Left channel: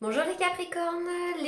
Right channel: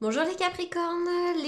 Bonjour les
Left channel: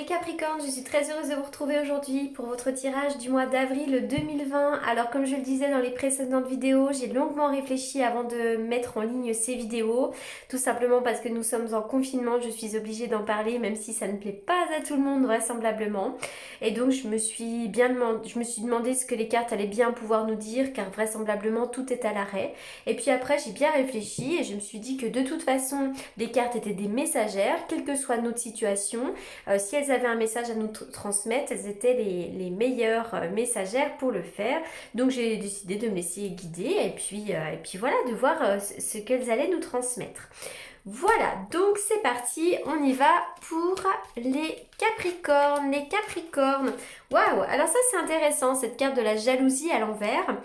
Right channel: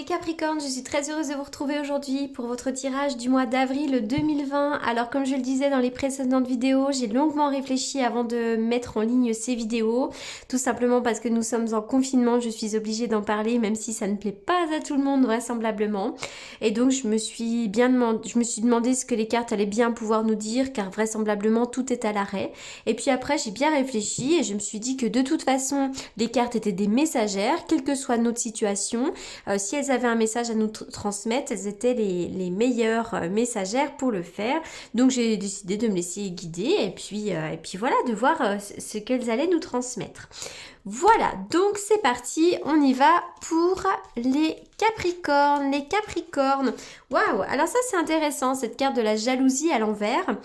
Capricornes, je suis très heureuse de vous retrouver aujourd'hui pour votre tirage du mois d'avril 2020. Alors comme je le disais dans les précédentes vidéos, j'ai longuement réfléchi avant de mettre en ligne ces vidéos, tout simplement parce que nous sommes en confinement, je suis obligée d'en parler même si ça ne plaît pas à tout le monde vraisemblablement. Et donc je me suis demandé ce que les cartes allaient bien pouvoir nous dire car vraisemblablement tout est à l'arrêt. Et puis après j'ai bien réfléchi et je me suis dit que de toute façon les cartes étaient des messagères, quelle que soit notre situation. Si elles avaient un message à nous transmettre, elles étaient les meilleures messagères pour le faire. Donc j'ai décidé de me laisser guider et puis voilà, de voir ce qu'elles allaient nous transmettre. Voilà, donc c'est parti, on y va pour les Capricornes. Les Capricornes, waouh, alors ça c'est intéressant, cette carte de la jalousie à l'envers.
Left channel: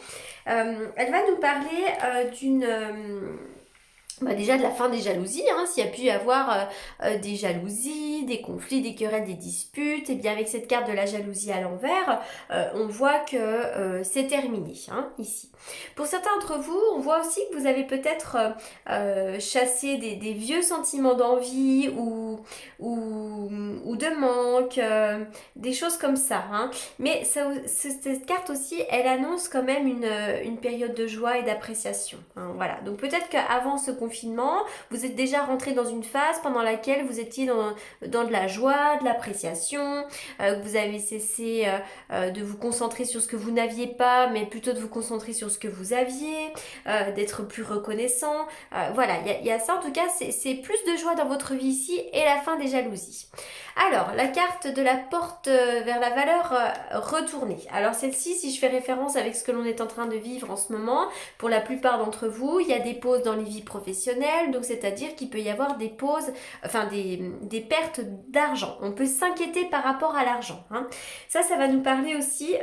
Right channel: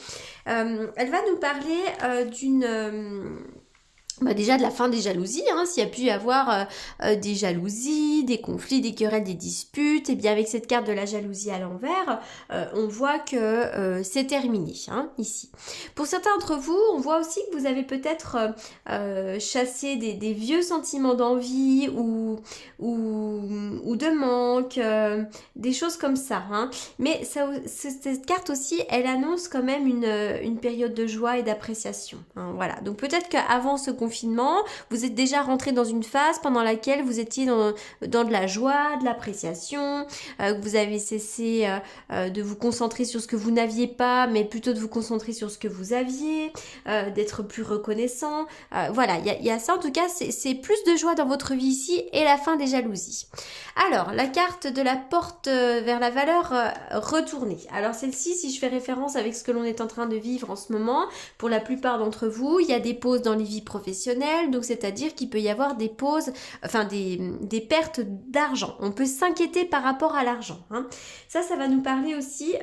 Elle va nous parler déjà de la fin des jalousies, hein, s'il y a pu y avoir des jalousies, des conflits, des querelles, des disputes, et bien avec cette carte de la jalousie à l'envers, on voit que c'est terminé, hein, ici. Pour certains d'entre vous, on voit aussi que vous avez peut-être chassé des vieux sentiments d'envie ou de manque, des choses comme ça, hein. Mais cette carte aussi, elle annonce quand même une période de joie et d'appréciation, hein, voilà. Donc peut-être qu'avant ce confinement, vous êtes déjà rentré dans une phase pendant laquelle vous étiez dans de la joie, de l'appréciation, vous avez cessé de vous concentrer sur ce que vous n'aviez pas, mais plutôt de vous concentrer sur ce que vous aviez, d'être plus reconnaissant. Voilà, il y a ça en tout cas, c'est plus de joie dans votre vie ici et la fin des jalousies. Alors, la carte de la porte vers la valeur retournée. Alors celle-ci, si je fais référence avec ce que l'on est en train de vivre en ce moment, pour la plupart d'entre vous, il y a des pauses dans les vies professionnelles, donc c'est-à-dire qu'il peut y avoir des pauses, enfin des pertes d'argent. On peut s'inquiéter par rapport à l'argent, hein. Ça va nous parler aussi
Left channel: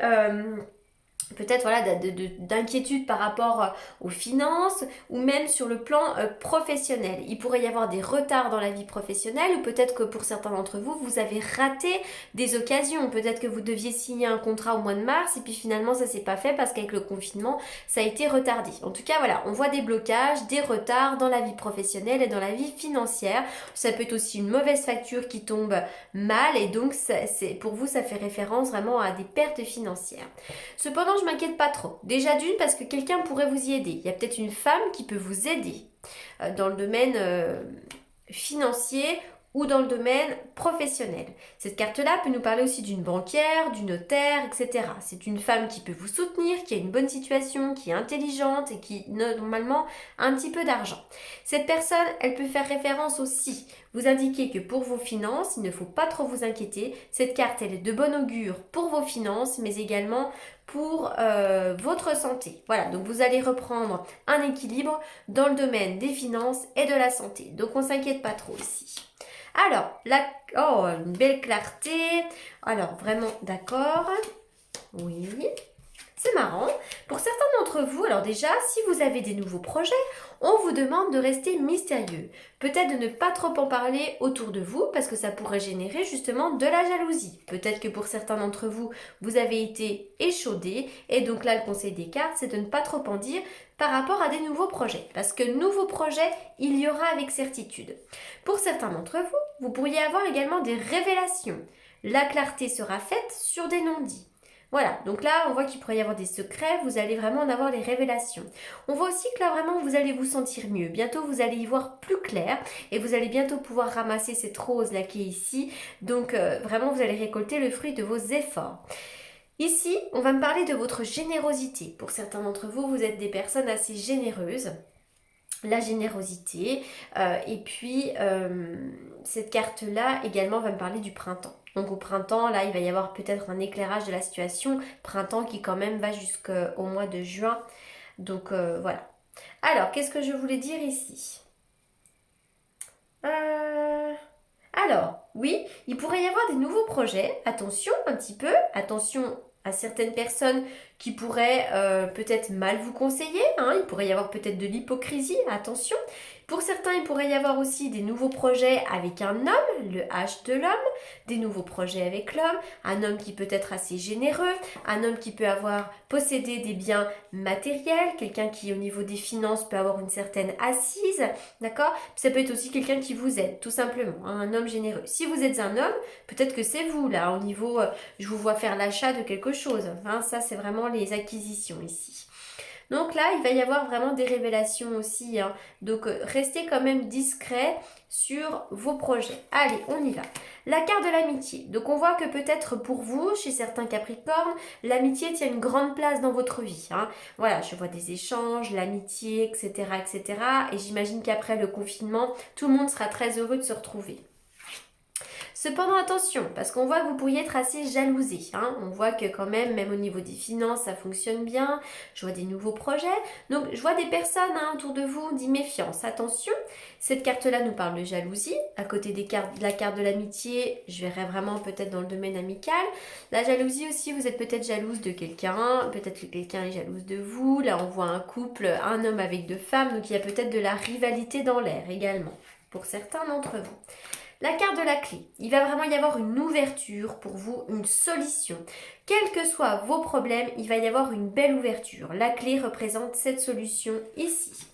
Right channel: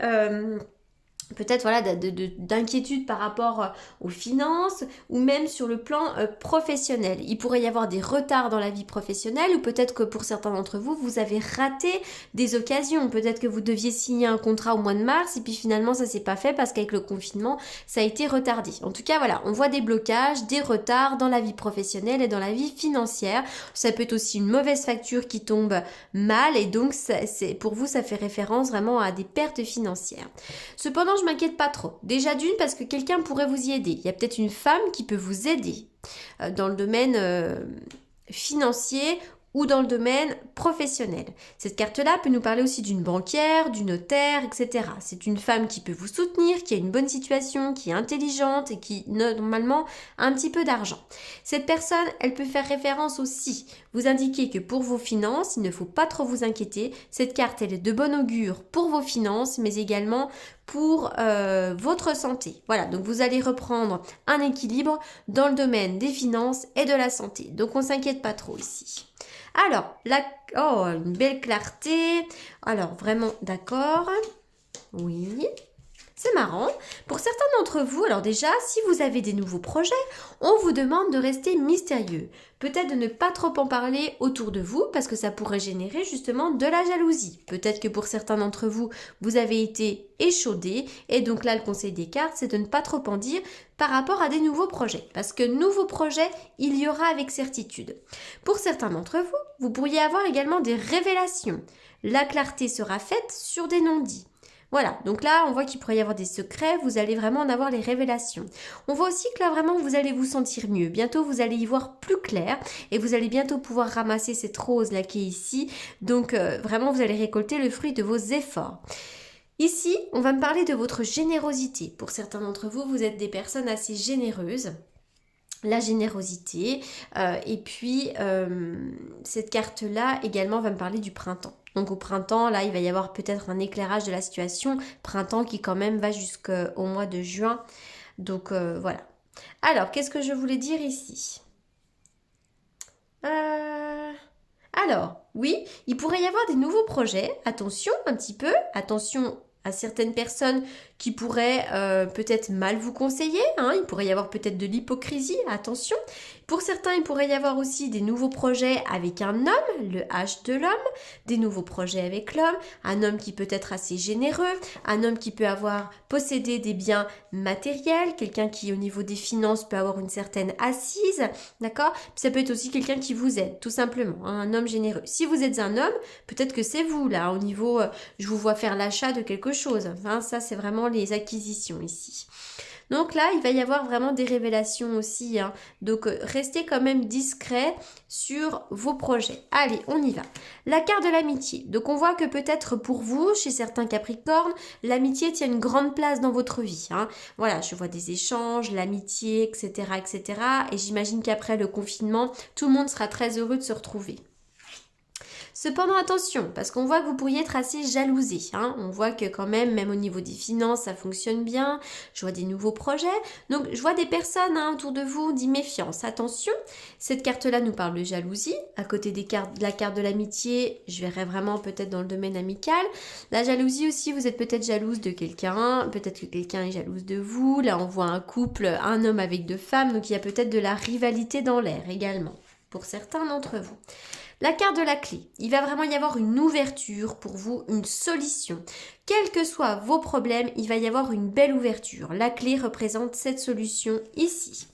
peut-être voilà d'inquiétude par rapport aux finances ou même sur le plan professionnel. Il pourrait y avoir des retards dans la vie professionnelle ou peut-être que pour certains d'entre vous, vous avez raté des occasions. Peut-être que vous deviez signer un contrat au mois de mars et puis finalement ça s'est pas fait parce qu'avec le confinement, ça a été retardé. En tout cas, voilà, on voit des blocages, des retards dans la vie professionnelle et dans la vie financière. Ça peut être aussi une mauvaise facture qui tombe mal et donc pour vous, ça fait référence vraiment à des pertes financières. Cependant, je m'inquiète pas trop. Déjà d'une parce que quelqu'un pourrait vous y aider. Il y a peut-être une femme qui peut vous aider dans le domaine financier ou dans le domaine professionnel. Cette carte-là peut nous parler aussi d'une banquière, du notaire, etc. C'est une femme qui peut vous soutenir, qui a une bonne situation, qui est intelligente et qui normalement a un petit peu d'argent. Cette personne, elle peut faire référence aussi, vous indiquer que pour vos finances, il ne faut pas trop vous inquiéter. Cette carte, elle est de bon augure pour vos finances, mais également pour votre santé. Voilà, donc vous allez reprendre un équilibre dans le domaine des finances et de la santé. Donc on ne s'inquiète pas trop ici. Alors, oh, une belle clarté. Alors, vraiment d'accord. Oui. C'est marrant. Pour certains d'entre vous, alors déjà, si vous avez des nouveaux projets, on vous demande de rester mystérieux. Peut-être de ne pas trop en parler autour de vous parce que ça pourrait générer justement de la jalousie. Peut-être que pour certains d'entre vous, vous avez été échaudé et donc là, le conseil des cartes, c'est de ne pas trop en dire par rapport à des nouveaux projets. Parce que nouveaux projets, il y aura avec certitude. Pour certains d'entre vous, vous pourriez avoir également des révélations. La clarté sera faite sur des non-dits. Voilà, donc là, on voit qu'il pourrait y avoir des secrets, vous allez vraiment en avoir les révélations. On voit aussi que là, vraiment, vous allez vous sentir mieux. Bientôt, vous allez y voir plus clair et vous allez bientôt pouvoir ramasser cette rose-là qui est ici. Donc, vraiment, vous allez récolter le fruit de vos efforts. Ici, on va me parler de votre générosité. Pour certains d'entre vous, vous êtes des personnes assez généreuses, la générosité. Et puis, cette carte-là également va me parler du printemps. Donc au printemps, là, il va y avoir peut-être un éclairage de la situation. Printemps qui quand même va jusqu'au mois de juin. Donc voilà. Alors, qu'est-ce que je voulais dire ici? Euh, Alors, oui, il pourrait y avoir des nouveaux projets. Attention un petit peu, attention à certaines personnes qui pourrait peut-être mal vous conseiller, hein, il pourrait y avoir peut-être de l'hypocrisie, attention. Pour certains, il pourrait y avoir aussi des nouveaux projets avec un homme, le H de l'homme, des nouveaux projets avec l'homme, un homme qui peut être assez généreux, un homme qui peut avoir possédé des biens matériels, quelqu'un qui au niveau des finances peut avoir une certaine assise, d'accord? Ça peut être aussi quelqu'un qui vous aide, tout simplement, hein, un homme généreux. Si vous êtes un homme, peut-être que c'est vous là, au niveau, je vous vois faire l'achat de quelque chose, hein, ça c'est vraiment les acquisitions ici. Donc là, il va y avoir vraiment des révélations aussi, hein. Donc restez quand même discret sur vos projets. Allez, on y va. La carte de l'amitié. Donc on voit que peut-être pour vous, chez certains Capricornes, l'amitié tient une grande place dans votre vie, hein. Voilà, je vois des échanges, l'amitié, etc., etc. Et j'imagine qu'après le confinement, tout le monde sera très heureux de se retrouver. Cependant, attention, parce qu'on voit que vous pourriez être assez jalousé, hein. On voit que quand même au niveau des finances, ça fonctionne bien. Je vois des nouveaux projets. Donc, je vois des personnes, hein, autour de vous, dit méfiance. Attention, cette carte-là nous parle de jalousie. À côté de la carte de l'amitié, je verrais vraiment peut-être dans le domaine amical. La jalousie aussi, vous êtes peut-être jalouse de quelqu'un. Peut-être que quelqu'un est jalouse de vous. Là, on voit un couple, un homme avec deux femmes. Donc, il y a peut-être de la rivalité dans l'air également, pour certains d'entre vous. La carte de la clé, il va vraiment y avoir une ouverture pour vous, une solution. Quels que soient vos problèmes, il va y avoir une belle ouverture. La clé représente cette solution ici.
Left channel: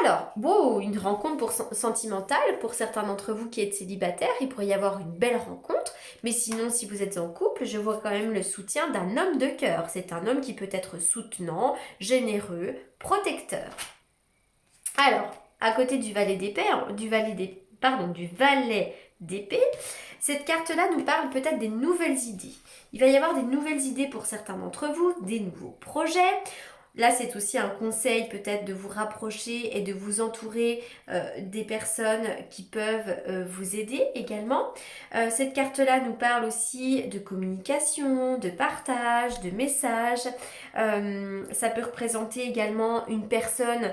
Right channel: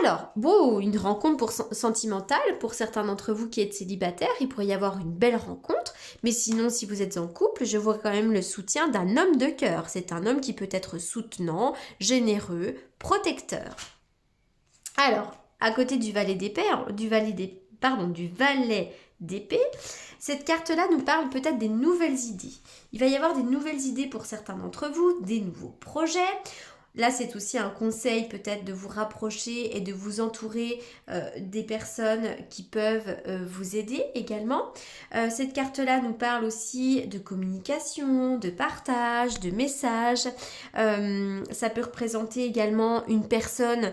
Alors, une rencontre sentimentale pour certains d'entre vous qui êtes célibataires, il pourrait y avoir une belle rencontre, mais sinon si vous êtes en couple, je vois quand même le soutien d'un homme de cœur. C'est un homme qui peut être soutenant, généreux, protecteur. Alors, à côté du valet d'épée, du valet d'épée, cette carte-là nous parle peut-être des nouvelles idées. Il va y avoir des nouvelles idées pour certains d'entre vous, des nouveaux projets. Là, c'est aussi un conseil peut-être de vous rapprocher et de vous entourer des personnes qui peuvent vous aider également. Cette carte-là nous parle aussi de communication, de partage, de messages. Ça peut représenter également une personne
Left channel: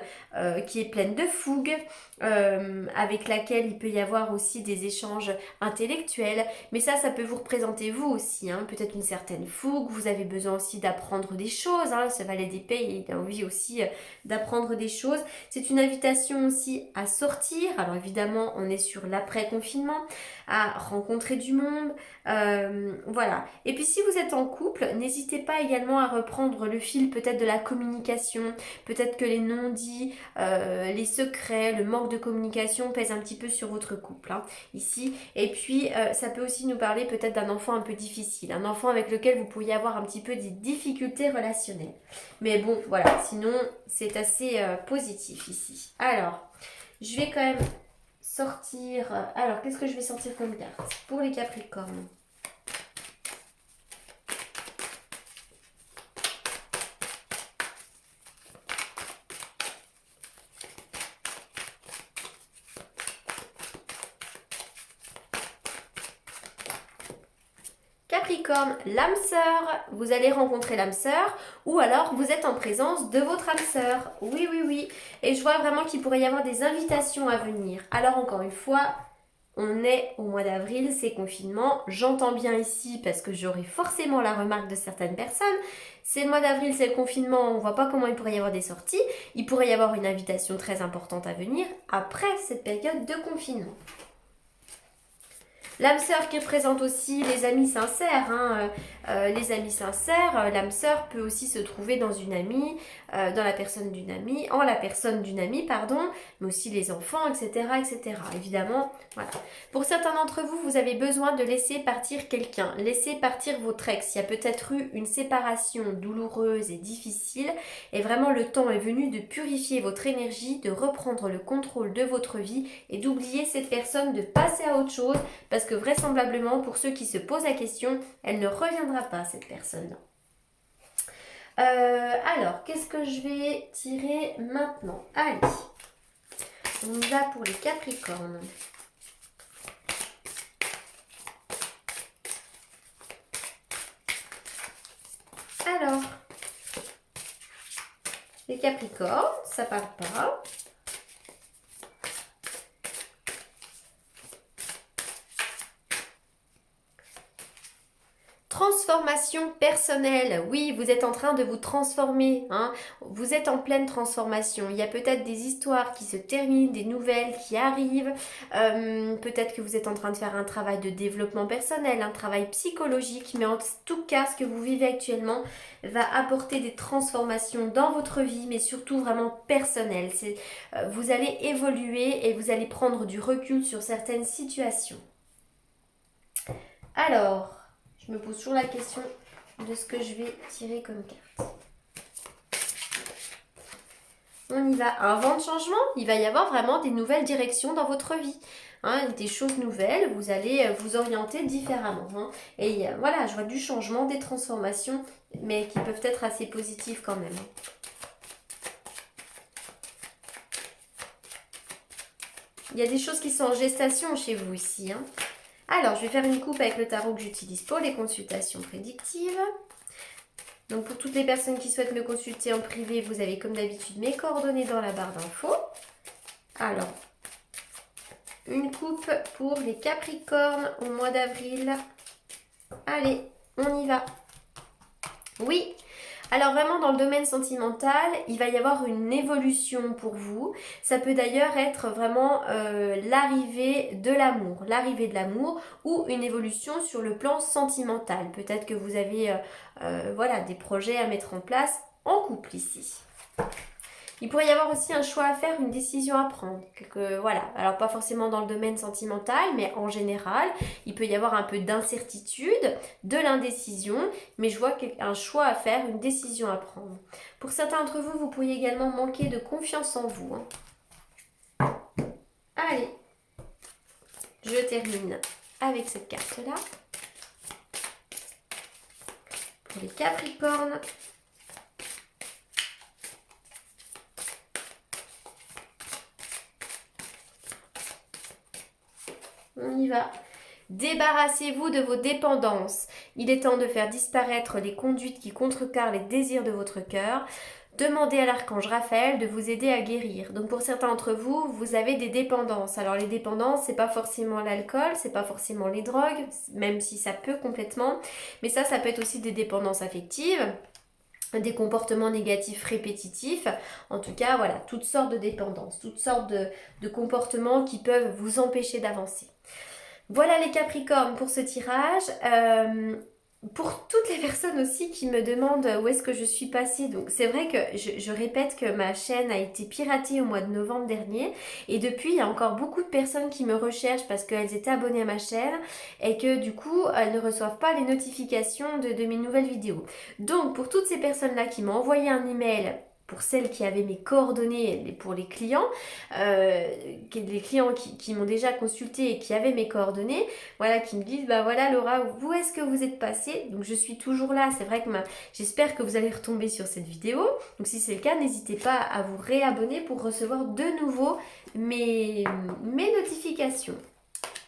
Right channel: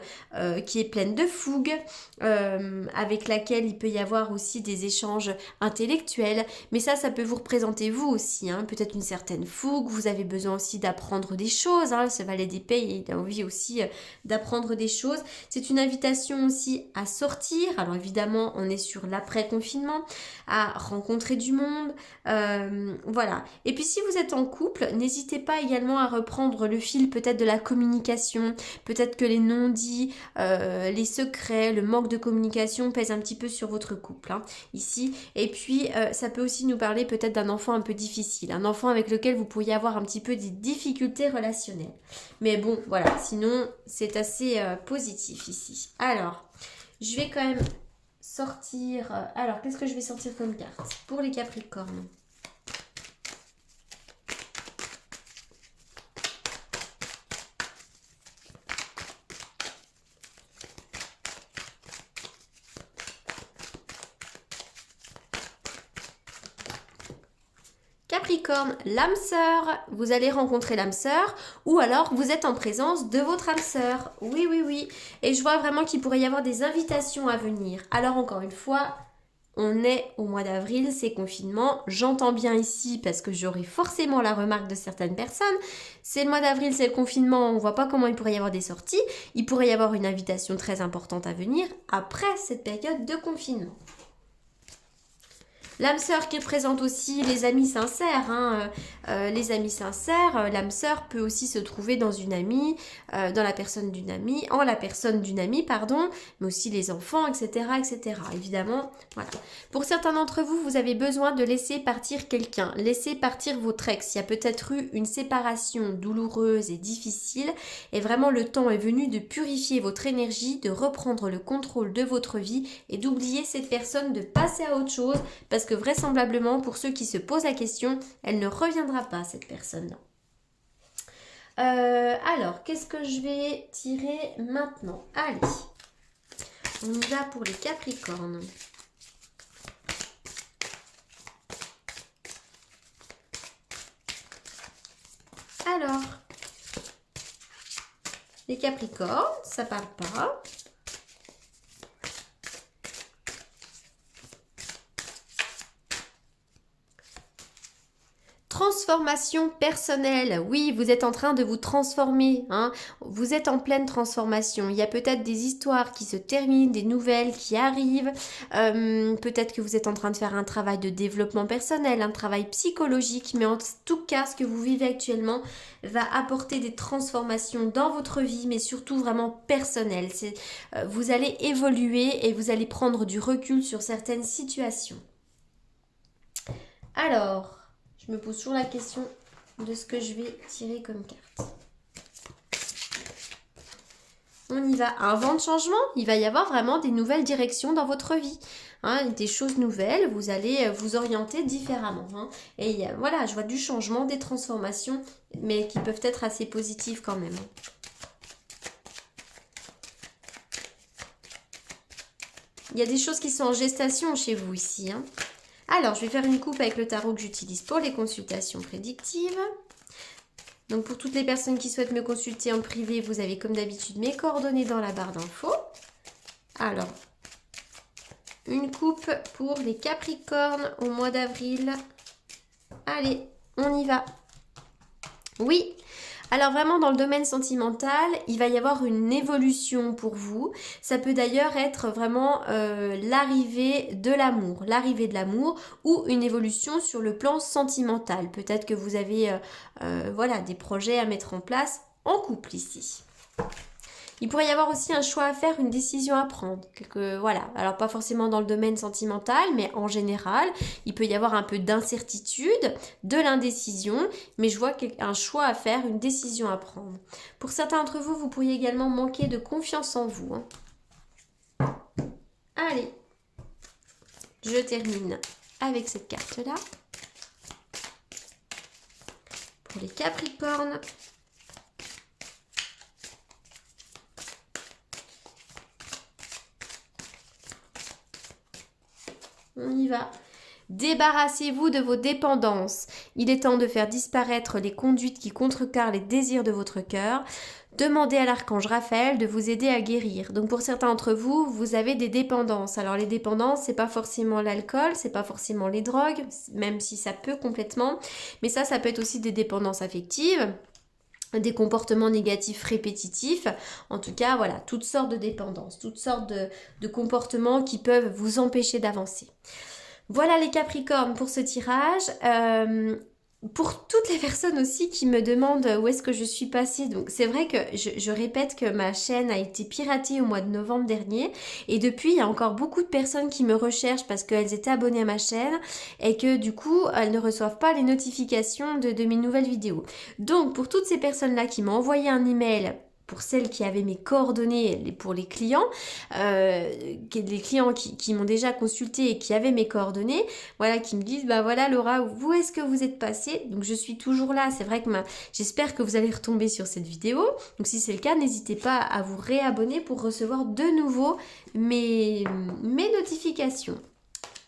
qui est pleine de fougue, avec laquelle il peut y avoir aussi des échanges intellectuels. Mais ça peut vous représenter vous aussi, hein, peut-être une certaine fougue. Vous avez besoin aussi d'apprendre des choses, hein. Ce valet d'épée, il a envie aussi d'apprendre des choses. C'est une invitation aussi à sortir. Alors évidemment, on est sur l'après-confinement, à rencontrer du monde. Voilà. Et puis si vous êtes en couple, n'hésitez pas également à reprendre le fil peut-être de la communication. Peut-être que les non-dits, les secrets, le manque de communication pèsent un petit peu sur votre couple, hein, ici. Et puis, ça peut aussi nous parler peut-être d'un enfant un peu difficile, un enfant avec lequel vous pourriez avoir un petit peu des difficultés relationnelles. Mais bon, voilà, sinon, c'est assez positif ici. Alors, je vais quand même sortir... alors, qu'est-ce que je vais sortir comme carte pour les Capricornes? Capricorne, l'âme sœur, vous allez rencontrer l'âme sœur ou alors vous êtes en présence de votre âme sœur. Oui, oui, oui. Et je vois vraiment qu'il pourrait y avoir des invitations à venir. Alors encore une fois, on est au mois d'avril, c'est confinement. J'entends bien ici parce que j'aurai forcément la remarque de certaines personnes. C'est le mois d'avril, c'est le confinement, on ne voit pas comment il pourrait y avoir des sorties. Il pourrait y avoir une invitation très importante à venir après cette période de confinement. L'âme sœur qui représente aussi les amis sincères, hein. Les amis sincères, l'âme sœur peut aussi se trouver dans une amie, dans la personne d'une amie, en la personne d'une amie, pardon, mais aussi les enfants, etc., etc. Évidemment, voilà. Pour certains d'entre vous, vous avez besoin de laisser partir quelqu'un, laisser partir votre ex. Il y a peut-être eu une séparation douloureuse et difficile, et vraiment le temps est venu de purifier votre énergie, de reprendre le contrôle de votre vie et d'oublier cette personne, de passer à autre chose, parce que vraisemblablement, pour ceux qui se posent la question, elle ne reviendra pas, cette personne-là. Alors, qu'est-ce que je vais tirer maintenant? Allez, on y va pour les Capricornes. Alors, les Capricornes, ça parle pas. transformation personnelle. Oui, vous êtes en train de vous transformer, hein. Vous êtes en pleine transformation. Il y a peut-être des histoires qui se terminent, des nouvelles qui arrivent. Peut-être que vous êtes en train de faire un travail de développement personnel, un travail psychologique, mais en tout cas, ce que vous vivez actuellement va apporter des transformations dans votre vie, mais surtout vraiment personnelles. Vous allez évoluer et vous allez prendre du recul sur certaines situations. Alors, je me pose toujours la question de ce que je vais tirer comme carte. On y va. Un vent de changement. Il va y avoir vraiment des nouvelles directions dans votre vie. Hein, des choses nouvelles. Vous allez vous orienter différemment. Hein. Et voilà, je vois du changement, des transformations, mais qui peuvent être assez positives quand même. Il y a des choses qui sont en gestation chez vous ici. Hein. Alors, je vais faire une coupe avec le tarot que j'utilise pour les consultations prédictives. Donc, pour toutes les personnes qui souhaitent me consulter en privé, vous avez comme d'habitude mes coordonnées dans la barre d'infos. Alors, une coupe pour les Capricornes au mois d'avril. Allez, on y va. Oui. Alors vraiment dans le domaine sentimental, il va y avoir une évolution pour vous. Ça peut d'ailleurs être vraiment l'arrivée de l'amour ou une évolution sur le plan sentimental. Peut-être que vous avez voilà, des projets à mettre en place en couple ici. Il pourrait y avoir aussi un choix à faire, une décision à prendre. Voilà. Alors pas forcément dans le domaine sentimental, mais en général, il peut y avoir un peu d'incertitude, de l'indécision, mais je vois un choix à faire, une décision à prendre. Pour certains d'entre vous, vous pourriez également manquer de confiance en vous. Hein. Allez, je termine avec cette carte-là. Pour les Capricornes. On y va. Débarrassez-vous de vos dépendances. Il est temps de faire disparaître les conduites qui contrecarrent les désirs de votre cœur. Demandez à l'archange Raphaël de vous aider à guérir. Donc pour certains d'entre vous, vous avez des dépendances. Alors les dépendances, c'est pas forcément l'alcool, c'est pas forcément les drogues, même si ça peut complètement. Mais ça peut être aussi des dépendances affectives. Des comportements négatifs répétitifs, en tout cas voilà, toutes sortes de dépendances, toutes sortes de comportements qui peuvent vous empêcher d'avancer. Voilà les Capricornes pour ce tirage. Pour toutes les personnes aussi qui me demandent où est-ce que je suis passée, donc c'est vrai que je répète que ma chaîne a été piratée au mois de novembre dernier et depuis il y a encore beaucoup de personnes qui me recherchent parce qu'elles étaient abonnées à ma chaîne et que du coup elles ne reçoivent pas les notifications de mes nouvelles vidéos. Donc pour toutes ces personnes-là qui m'ont envoyé un email, pour celles qui avaient mes coordonnées, pour les clients, les clients qui m'ont déjà consulté et qui avaient mes coordonnées, voilà, qui me disent, bah voilà Laura, où est-ce que vous êtes passée? Donc je suis toujours là, c'est vrai que j'espère que vous allez retomber sur cette vidéo. Donc si c'est le cas, n'hésitez pas à vous réabonner pour recevoir de nouveau mes notifications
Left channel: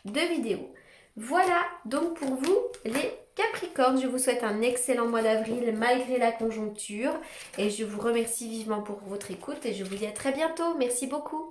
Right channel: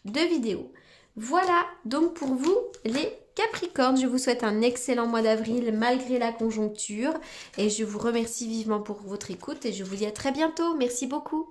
de vidéos. Voilà donc pour vous les Capricorne, je vous souhaite un excellent mois d'avril malgré la conjoncture et je vous remercie vivement pour votre écoute et je vous dis à très bientôt. Merci beaucoup.